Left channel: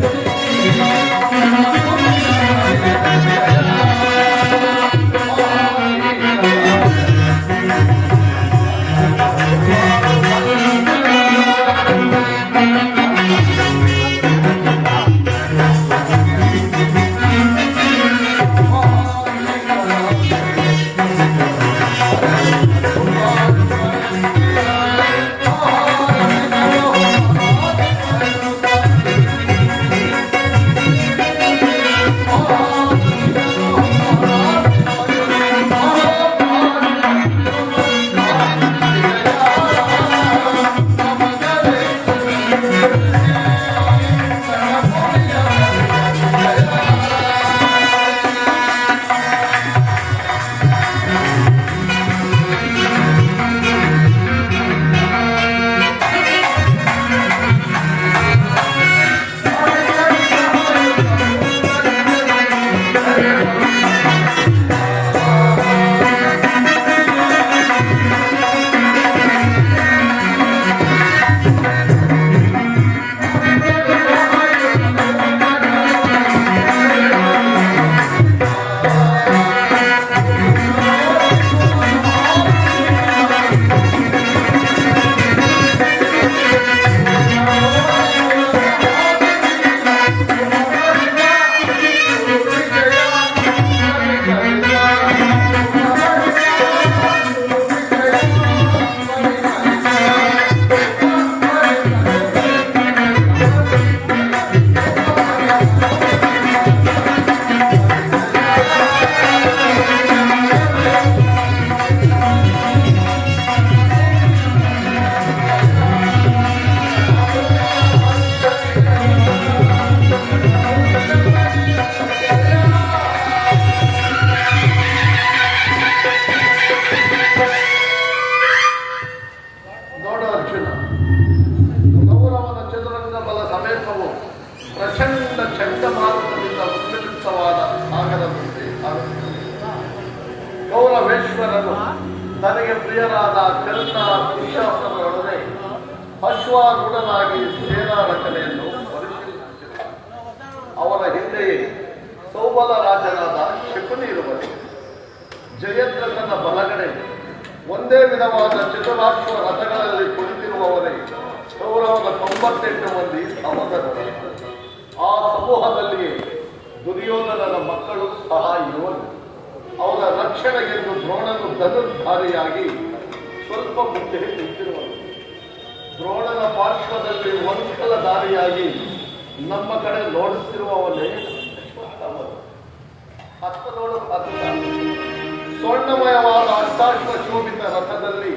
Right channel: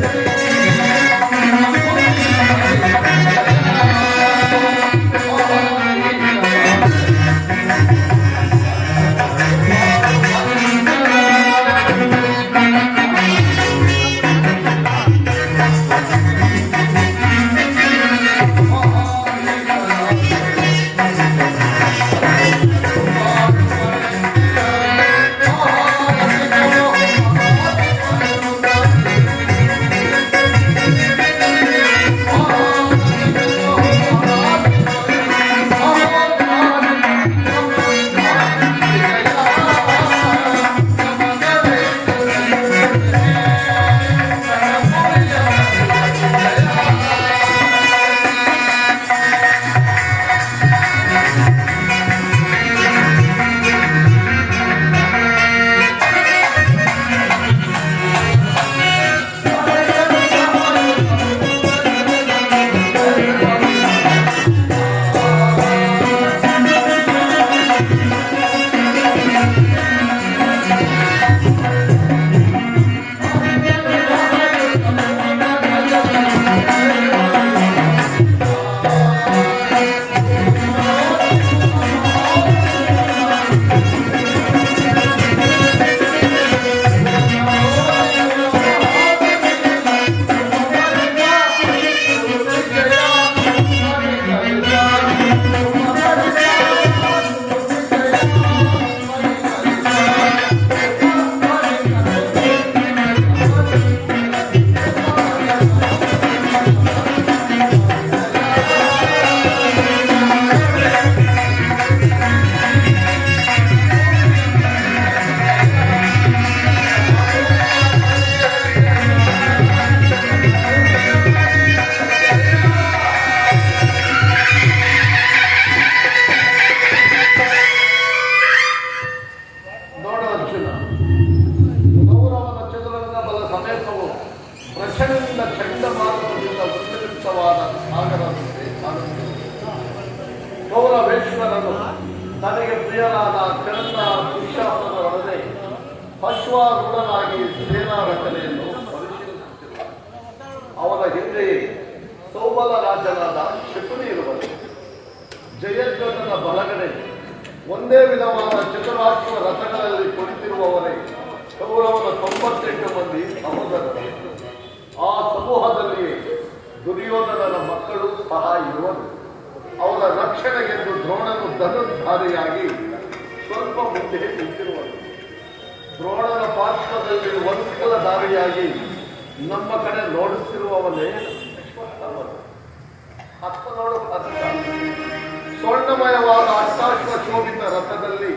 ನೋಡ ಜಯದ್ರಥನ ಬಲಗಡೆ ಒಂದೇ ವಿಧವಾದ ಚತುರಾಕ್ಷರ ರಥಗಳಲ್ಲಿ ಕುಳಿತಿರುವವರೇ ಕೌರವನ ತೊಂಬತ್ತೆಂಟು ಮಂದಿ ಅಮರರು ಆ ಸಮೂಹದಲ್ಲಿ ದುರ್ಯೋಧನನ ಮಕ್ಕಳು ಸಹ ಇರುವರು. ಅವರ ರಕ್ಷಣೆಗೆಂದು ದ್ರೋಣನು ಧನುರ್ಧಾರಿಯಾಗಿ ಸ್ವಲ್ಪ ಮುಂದೆ ನಿಂತಿರುವರು ದ್ರೋಣನ ಪಾರ್ಶ್ವದಲ್ಲಿ ಒಂದ್ಸಲ ದಾರಿಯಾಗಿ ನಮ್ಮ ಕಡೆ ನೋಡುತ್ತಿರುವವನೇ. ಹತ್ತ ನೋಡು ಹತ್ತ ಸ್ವರ್ಣಮಯವಾದ ಅಷ್ಟಾಕ್ಷರ ಶೋಭಿತ ರಥದಲ್ಲಿ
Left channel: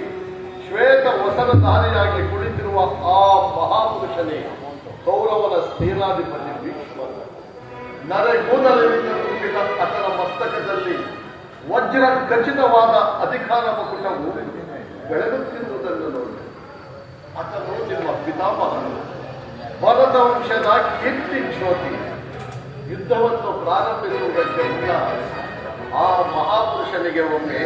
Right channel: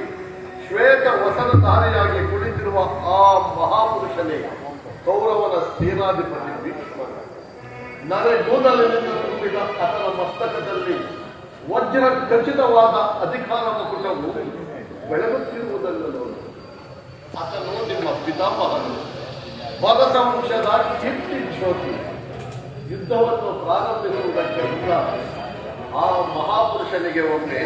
ಶ್ವೇತ ವಸನ ಧಾರಿಯಾಗಿ ಕುಳಿತಿರುವ ಆ ಮಹಾಪುರುಷನೇ ಕೌರವನ ಸೇನಾಧಿಪತಿ ಭೀಷ್ಮರ ನರೆಗೂದಲಿನಿಂದ ತುಂಬಿದ ಆತನ ಮಸ್ತಕದಲ್ಲಿ ವಜ್ರ ಖಚಿತವಾದ ಅಧಿಕಾರ ಮಕುಟವು ಬೆಳಗುತ್ತಿರುವುದನ್ನು ನೋಡಿ. ಆತನು ನಿಮ್ಮ ಪಿತಾಮಹನು. ಭರತವಂಶದ ಕೀರ್ತಿ ಜ್ಯೋತಿ. ಯುದ್ಧವನ್ನು ಪ್ರಾರಂಭಿಸುವುದಕ್ಕೆ ಮುನ್ನ ಆ ಮಹಾಪುರುಷನಿಗೆ ಒಮ್ಮೆ